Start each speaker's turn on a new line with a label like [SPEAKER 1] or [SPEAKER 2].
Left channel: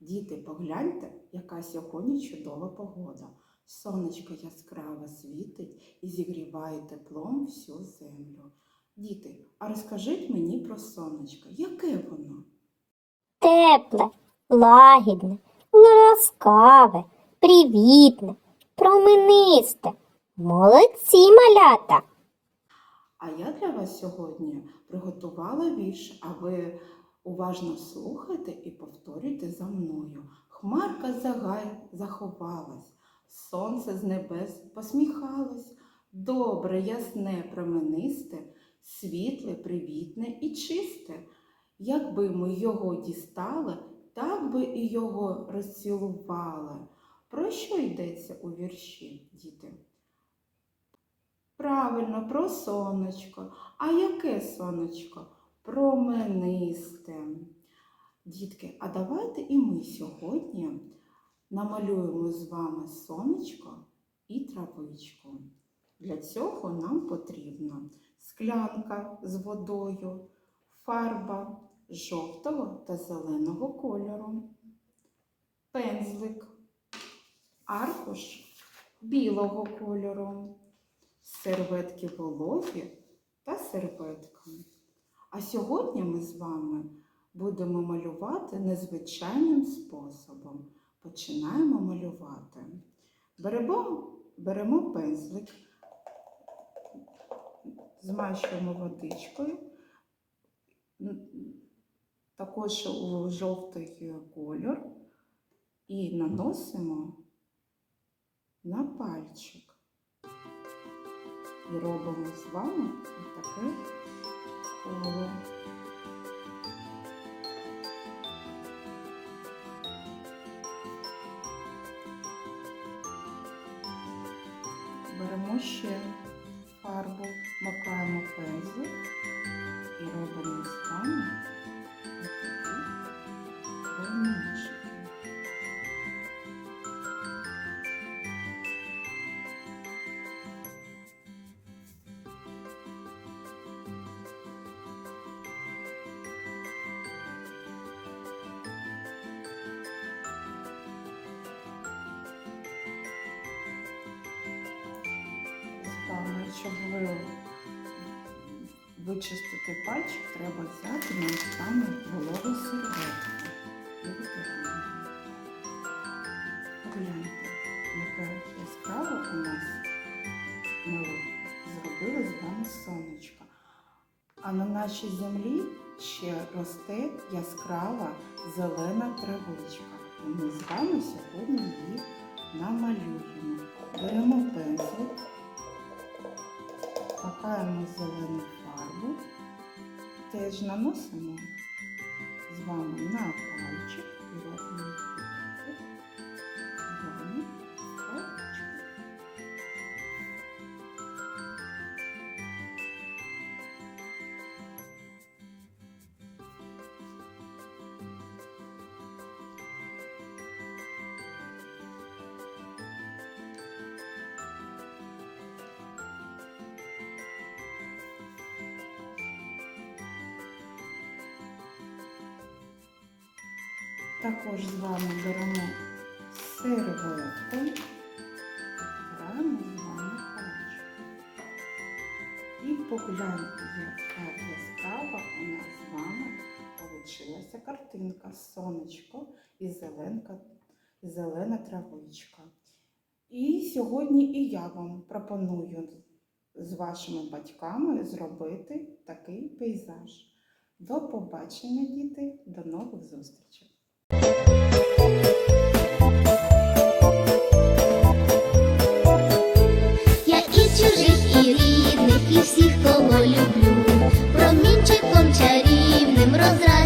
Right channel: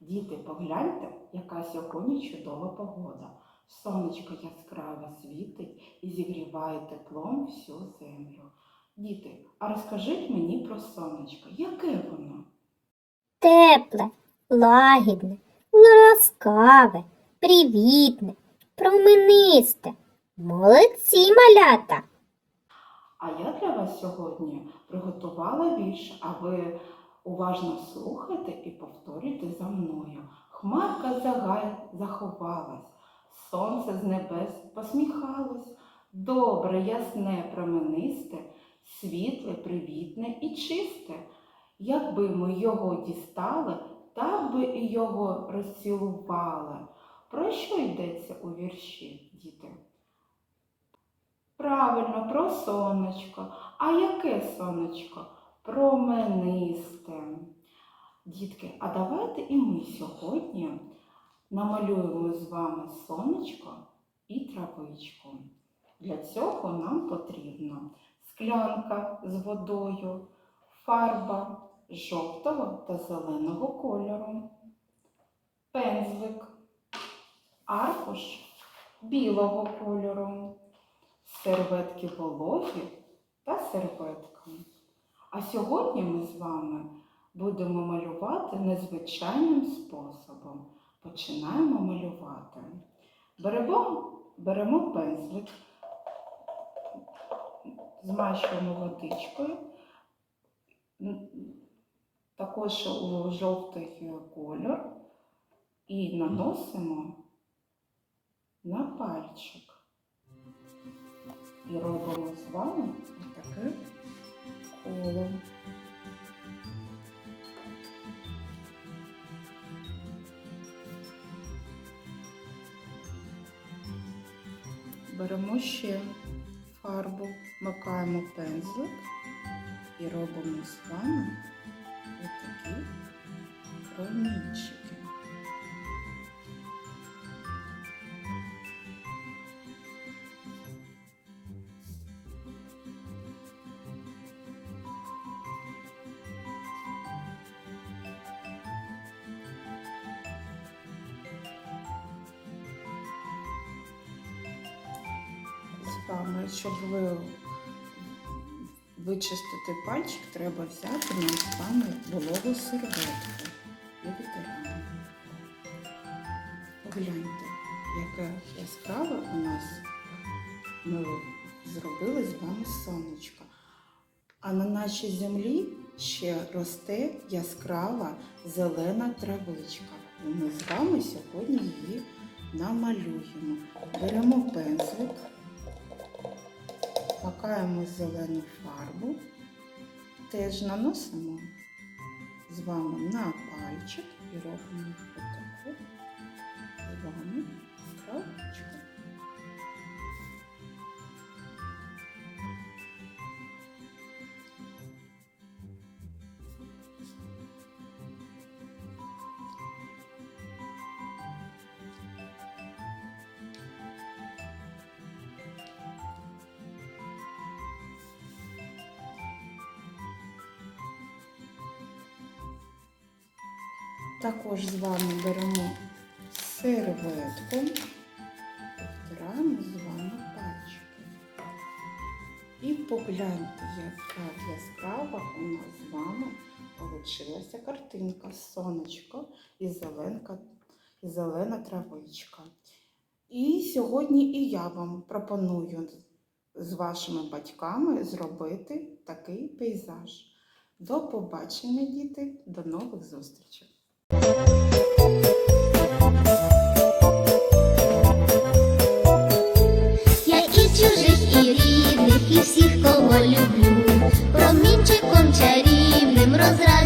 [SPEAKER 1] Діти, погляньте, яка сьогодні чудова погода. Сонечко яскраво світить і зігріває теплом всю землю. Діти, а розкажіть мені про сонечко, яке воно?
[SPEAKER 2] Тепле, лагідне, ласкаве, привітне, променисте. Молодці малята!
[SPEAKER 1] А я для вас сьогодні приготувала вірш, а ви уважно слухайте і повторюйте за мною. Хмарка за заховалась, сонце з небес посміхалось, добре, ясне, променисте, світле, привітне і чисте. Якби ми його дістали, так би і його розцілували. Про що йдеться у вірші, діти? Правильно, про сонечко. А яке сонечко? Променисте. Дітки, а давайте і ми сьогодні намалюємо з вами сонечко і травичку. Для цього нам потрібна склянка з водою, фарба жовтого та зеленого кольору, пензлик, аркуш білого кольору серветки вологі та серветка. А сьогодні ми з вами будемо малювати незвичайним способом. Починаємо малювати. Беремо, беремо пензлик, змащуємо водичкою, також у жовтий колір і наносимо на пальчик. І робимо з вами таке коло. Беремо ще фарбу, макаємо пензлик і робимо з вами отакі промінчики. З щоб ви вичистити пальчик, треба взяти саме вологу серветку. і витираємо. Погляньте, яке яскраве у нас ми зробили з вами сонечко. А на нашій землі ще росте яскрава зелена травичка. І ми з вами сьогодні її намалюємо. Беремо пензлик, макаємо зелену фарбу, теж наносимо з вами на пальчик і робимо Також з вами беремо серветку, з вами пальчик. І погляньте, яка яскрава у нас з вами получилася картинка. Сонечко і зеленка, і зелена травичка. І сьогодні і я вам пропоную з вашими батьками зробити такий пейзаж. До побачення, діти, до нових зустрічей! Я
[SPEAKER 3] і чужих, і рідних, і всіх, кого люблю, промінчиком чарівним розраджую.